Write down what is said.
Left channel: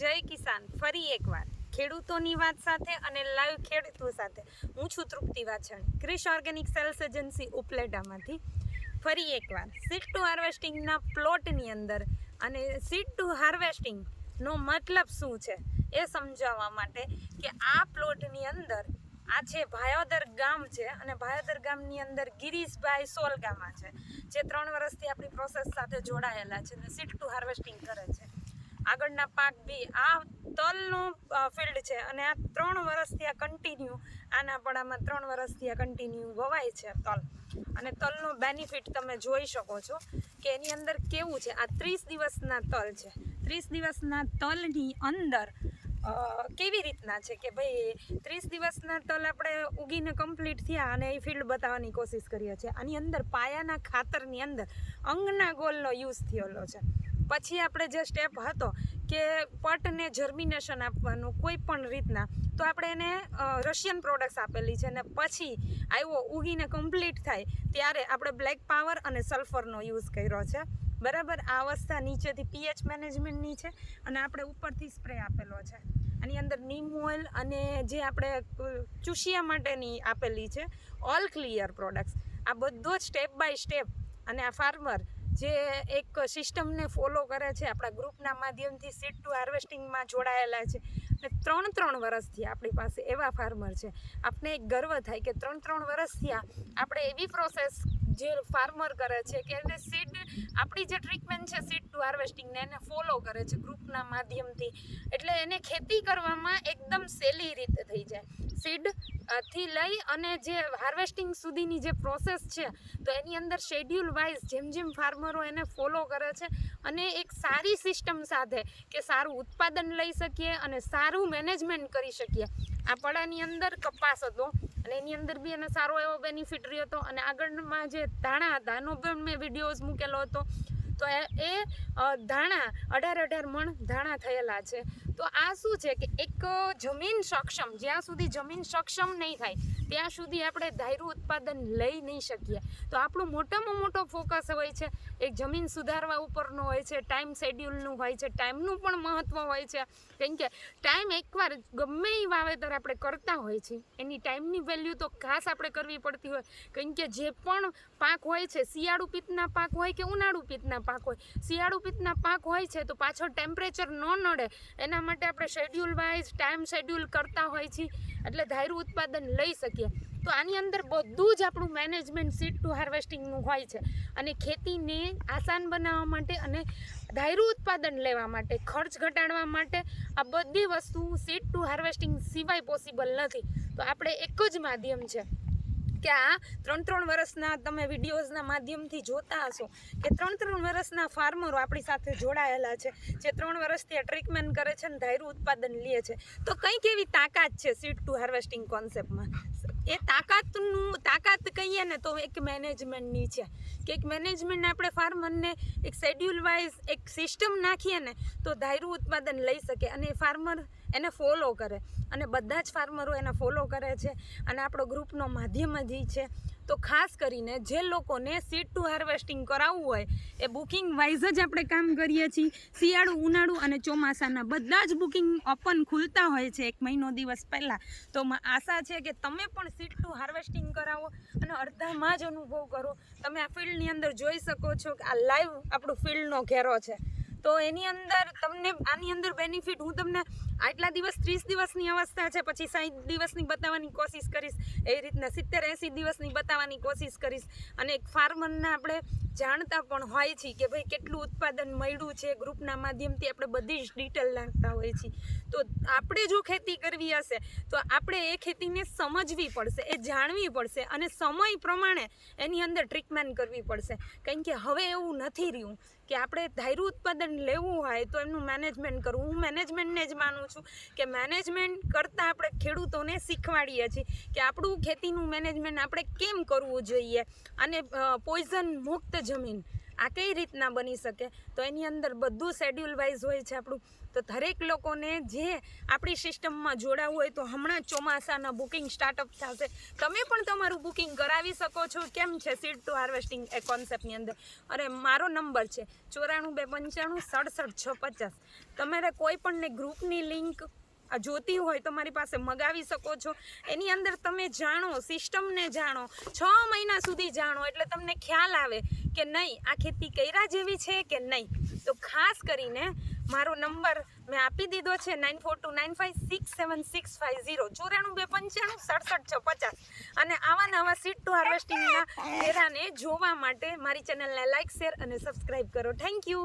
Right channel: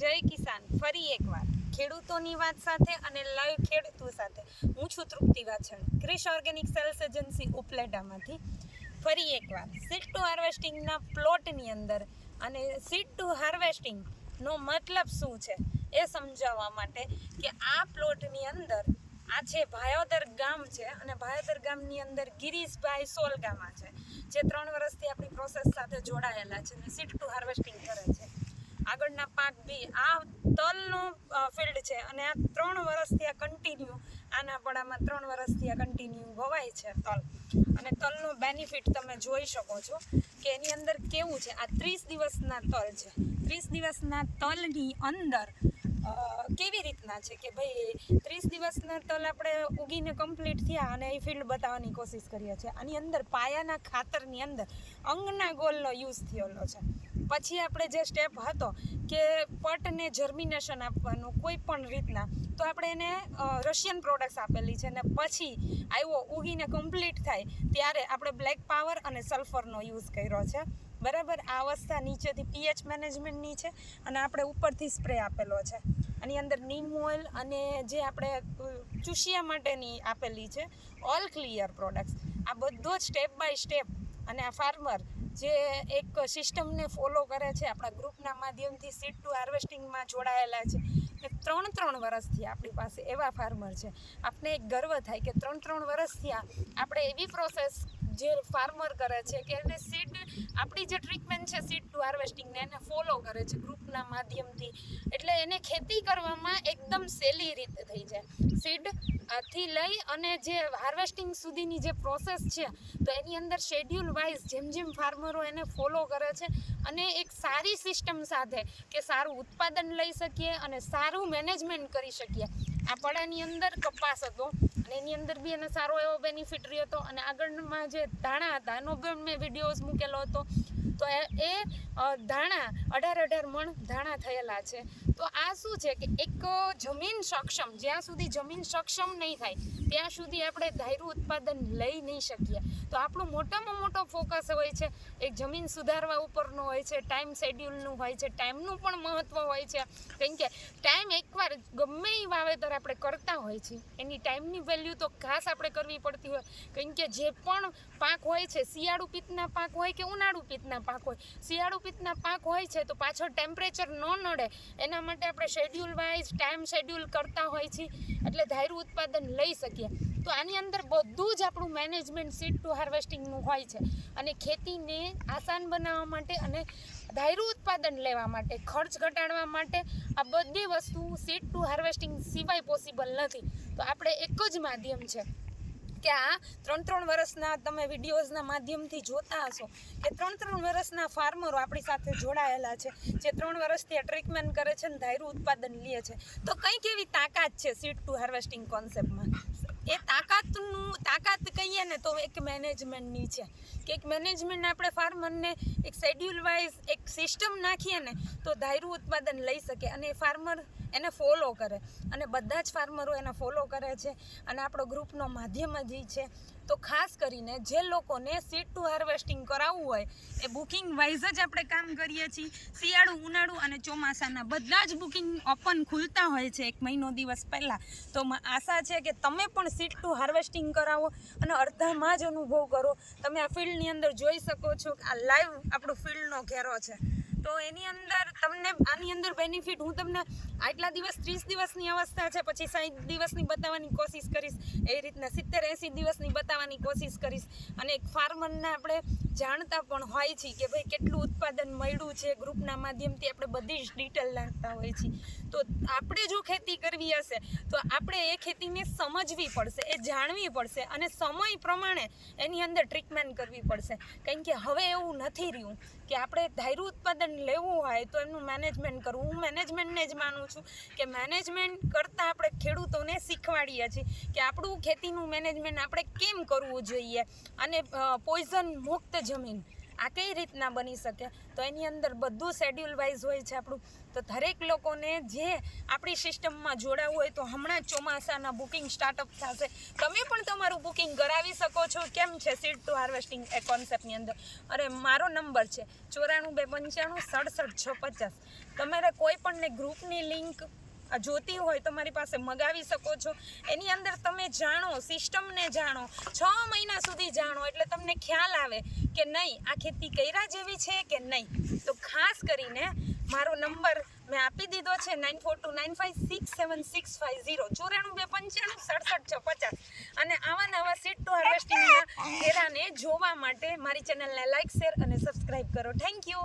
જય કિસાન, ફરી એકવાર ખેડૂતોની વાત સાથે અને લાઈવ ખેડૂતો સાથે. હું છું Trupti Vachhan Krish organic sales agency ઉપલેટામાંથી. ફરી એકવાર સીડ ટુ હાર્વેસ્ટિંગના પ્લોટની અંદર અને સીડ ટુ હાર્વેસ્ટિંગનો મતલબ શું છે એ સમજાવવા માટે કે આ પ્લોટની અંદર આ છે ભાયોદર ગામ છે અને ભાયોદર ગામની અંદર ગિરીશભાઈ સોલગામા છે, જે ત્રણ વર્ષથી આપણી પ્રોસેસ સાથે જોડાયેલા છે અને સીડ ટુ હાર્વેસ્ટિંગ કરે છે. આગળના પાક બી આ તલનું ફિલ્ડ છે. અને આ ત્રણ વર્ષથી આ કન્ટિન્યુ આના પડામાં ત્રણ વર્ષથી આ કન્ટિન્યુ વવાય છે તલ. અને તલનો બેનિફિટ તમે જોઈ શકો છો કે એની અંદર કેવું છે? આ ત્રીસ દિવસના તલ છે. ત્રીસ દિવસના તલની અંદર કેવી રીતના છે કે ભાઈ ત્રીસ દિવસના તલ આપણે ઉગીને કમ્પ્લીટ થયા અને એ ફિલ્ડ બતાવવાની કોશિશ કરીએ છીએ. આની અંદર પાયાના ખાતરની અંદર અંગના ગોલનો યુઝ થયેલો છે. પછી આપણે જે સ્ટેપ હતો કે પટને જર્મિનેશન આપવાનું કોઈ પણ રીતના, તો આપણે એને રશિયન પ્રોડક્ટ્સ આપેલી છે અને પછી આવ્યો, ઉગીને કમ્પ્લીટ થાય, ત્યારે આપણે બ્લેક પાવર અને સલ્ફરનો યુઝ કર્યો છે. બરાબર? આ અવસ્થા નીચેથી પીએચ મેનેજમેન્ટની છે અને આપણે ઉપરથી સ્પ્રે આપેલો છે. આની અંદર નીમ ઓઇલ અને જે આપણે ચૂસિયા માટેની આપેલી છે ઓલ ક્લિયર પ્રોડક્ટ્સ આ બધો જ સ્ટેપ બાય સ્ટેપ અને આ ફાર્મર જે એક સિસ્ટમને ફોલો કરે છે, આપણા ગ્રુપના માધ્યમથી સીડ ટુ હાર્વેસ્ટિંગમાં જોડાયેલા છે. અને ત્રણ ત્રણ વર્ષથી આપણી પાસે એવા ફાર્મર છે. આપણે એક ગર્વ થાય કે ત્રણ ત્રણ વર્ષથી આપણે એવી પ્રોસેસ જે ફાર્મર કરે છે, કે એને સીડ આપણી જે ટ્રીટમેન્ટ છે સીડ ટુ હાર્વેસ્ટિંગને એને ફોલો કરે છે ગ્રુપના માધ્યમથી. એટલે એને ખેતી કરવામાં એકદમ સહેલી રીતે થઈ જાય. સીડથી લઈ અને જે હાર્વેસ્ટિંગ સુધીની જે પ્રોસેસ છે, તો એની અંદર શેડ્યુલ વાઇઝ જેમ જેમ ફાર્મરો એને ફોલો કરે છે અને એક સારી સિસ્ટમ સાથે કે સારું ઉત્પાદન લઈ શકીએ અને સારું મેનેજમેન્ટ કરી શકીએ. આ પડાની અંદર કપાસ હતો. અને એની અંદર બી એને સારો એવો બેનિફિટ રહ્યો હતો. અને આગળમાં જે ધાણા હતા, એનો પણ મેં વિડીયોઝ મૂકેલો હતો. તો એ ધાણા, અઢાર અઢાર મણ ધાણા થયેલા છે. તો આ શું છે કે એક જમીન સક્ષમ, જ્યાં સુધી જમીન સક્ષમ નહીં થાય ત્યાં સુધી આપણે ધાયરું ઉત્પાદન લઈ નહીં શકીએ. તો આપણો મોટામાં મોટો ફોકસ હોય છે, એક જમીન સુધારવા ઉપરનો હોય છે ટાઈમ શેડ્યુલનું હોય છે ટાઈમનું પણ મહત્ત્વ હોય છે. કેમ કે ટાઈમ એકવાર ગમે એ વાવેતર આપણે કરતા હોય છે, એની ટાઈમની વેલ્યુ તો ખાસ આપણે કરવી પડતી હોય. કેમ કે જે પણ પાક હોય છે, શિયાળુ પિત્તના પાક હોય કે ઉનાળુ પિત્તના પાક હોય, શિયાળુ પિત્તના પાક હોય છે, તો પાછળ ટેમ્પરેચર ન નડે, એના માટે આપણે શેડ્યુલ વાઇઝ ટાઈમ શેડ્યુલ કરતા હોય છે એટલે ધાયરું ઉત્પાદન લઈ શકીએ. તો આની અંદર બધું જ આપણું મેનેજમેન્ટ સીડ ટુ હાર્વેસ્ટિંગનું હોય છે. અને ખેતીને આસાન બનાવવા માટે અને ધાયરું ઉત્પાદન લેવા માટે, ખર્ચ ઘટાડવા માટે આ બધી વસ્તુ સીડ ટુ હાર્વેસ્ટિંગ સિવાય પોસિબલ નથી. તો આપણે એક જ માધ્યમ છે કે આ ત્રણ ત્રણ વર્ષના તમે વિડીયોઝના માધ્યમથી જોતા હશો કે ત્રણ ત્રણ વર્ષના ફાર્મરો આપણી સાથે જોડાયેલા છે, જે ત્રણ વર્ષથી આ ટ્રીટમેન્ટ કરે છે અને ધાયરું ઉત્પાદન લે છે. તો કંઈક એવી તાકાત છે સીડ ટુ હાર્વેસ્ટિંગ કોન્સેપ્ટમાં એ તાકાતનું તાકાત કહીએ ને તો એક મેનેજમેન્ટની છે. કે એક મેનેજમેન્ટ આપણે ફાર્મરને એક શેડ્યુલ વાઇઝ એક સિસ્ટમ નાખીએ ને તો ધાયરું ઉત્પાદન લઈ શકે. અને ફાર્મર એને ફોલો કરે. અને બધા જ ફાર્મરો એને ફોલો કરે છે. અને આપણો ગ્રુપનો માધ્યમ જ એ છે. તો ખાસ કરીને જે લોકોને સીડ ટુ હાર્વેસ્ટિંગ કરાવવું હોય, એ બુકિંગ વાઇઝ જ આપણે કામ કરીએ છીએ. શિયાળુ, ઉનાળુ અને ચોમાસાના બધા જ બુકિંગ ઓપન ખુલતા હોય છે એક મહિનો દિવસ પહેલાં. તો આશા છે કે તમે પણ સીડ ટુ હાર્વેસ્ટિંગ કરાવો અને અડધામાં જ અનુભવ કરો. તમે આ ફિલ્ડની અંદર જોઈ શકો છો કે આ લાઈવ આપણું ફિલ્ડનો ઘેરો છે. તો એની અંદર તમને આની અંદર બેનિફિટ હું તમને આટલા દિવસ, ત્રીસ દિવસની અવસ્થા છે, પછી સાઠ દિવસની બતાવવાની કોશિશ કરીશ, એ રીતના સિત્તેર એંસી દિવસની બતાવવાની કોશિશ કરીશ. અને એક ફાર્મરના આપણે જાણતા પણ હોય છે કે ભાઈ કેટલું ઉત્પાદન મળ્યું છે, ગ્રુપના માધ્યમથી આપણે બધી જ ડિટેલ નાખતા હોય છીએ. તો આપણે જો ખેતી કરવી હશે, તો આપણે એ ખેતીને સમજવી પડશે, એ જાણવી પડશે અને સમય પ્રમાણે એની અંદર ટ્રીટમેન્ટ કરવી પડશે. કારણ કે હવે એવું નથી રહ્યું. કે આપણે ધાર્યું ઉત્પાદન લેવું હોય તો એમનું મેનેજમેન્ટ કરવું. હું મેનેજમેન્ટને જ માનું છું કે મેનેજમેન્ટ કરતાં આપણે ખેડૂતોને શીખવાડીએ છીએ કે આપણું ખેતીનું મેનેજમેન્ટ આપણે કેમ કરવું જોઈએ અને પોઈઝન મુક્ત જમીન આ કઈ રીતના બની શકે? તો એની અંદર બધું શેડ્યુલ વાઇઝ હોય છે આપણું. તો દરેક લોકોને જે આપણી સિસ્ટમમાં જોડાવું હોય તો હમણાં ચોમાસાના બુકિંગ સ્ટાર્ટઅપ થશે. તમે પણ તમારું બુકિંગ કરાવી શકો છો. કેમ છે? સીડ ટુ હાર્વેસ્ટિંગ એ કોન્સેપ્ટની અંદર. અરે, મારો નંબર છે ચોરાણું બે પંચાણું સડસઠ છ પચાસ. તમારે કોઈ પણને ગ્રુપની લિંક જોતી હોય તો મારી પાસે મગાવી શકો છો. એની અંદર તમે જાણો, સિસ્ટમને જાણો, છ મહિના સુધી જાણો, એટલે તમને ખ્યાલ આવે કે નહીં, આ ખેતી કર્યા જેવી છે કે નહીં? તો ખાસ કરીને મારો નંબર મેં આપી દીધો છે nine four two nine five six seven six five zero ચોરાણું બે પંચાણું, સડસઠ છ પચાસ. અને આવા નવા સીટ ટુ હાર્વેસ્ટિંગના ઘેરાને જોવા માટે મારી ચેનલને લાઇક શેર અને સબસ્ક્રાઈબ કરો. Thank you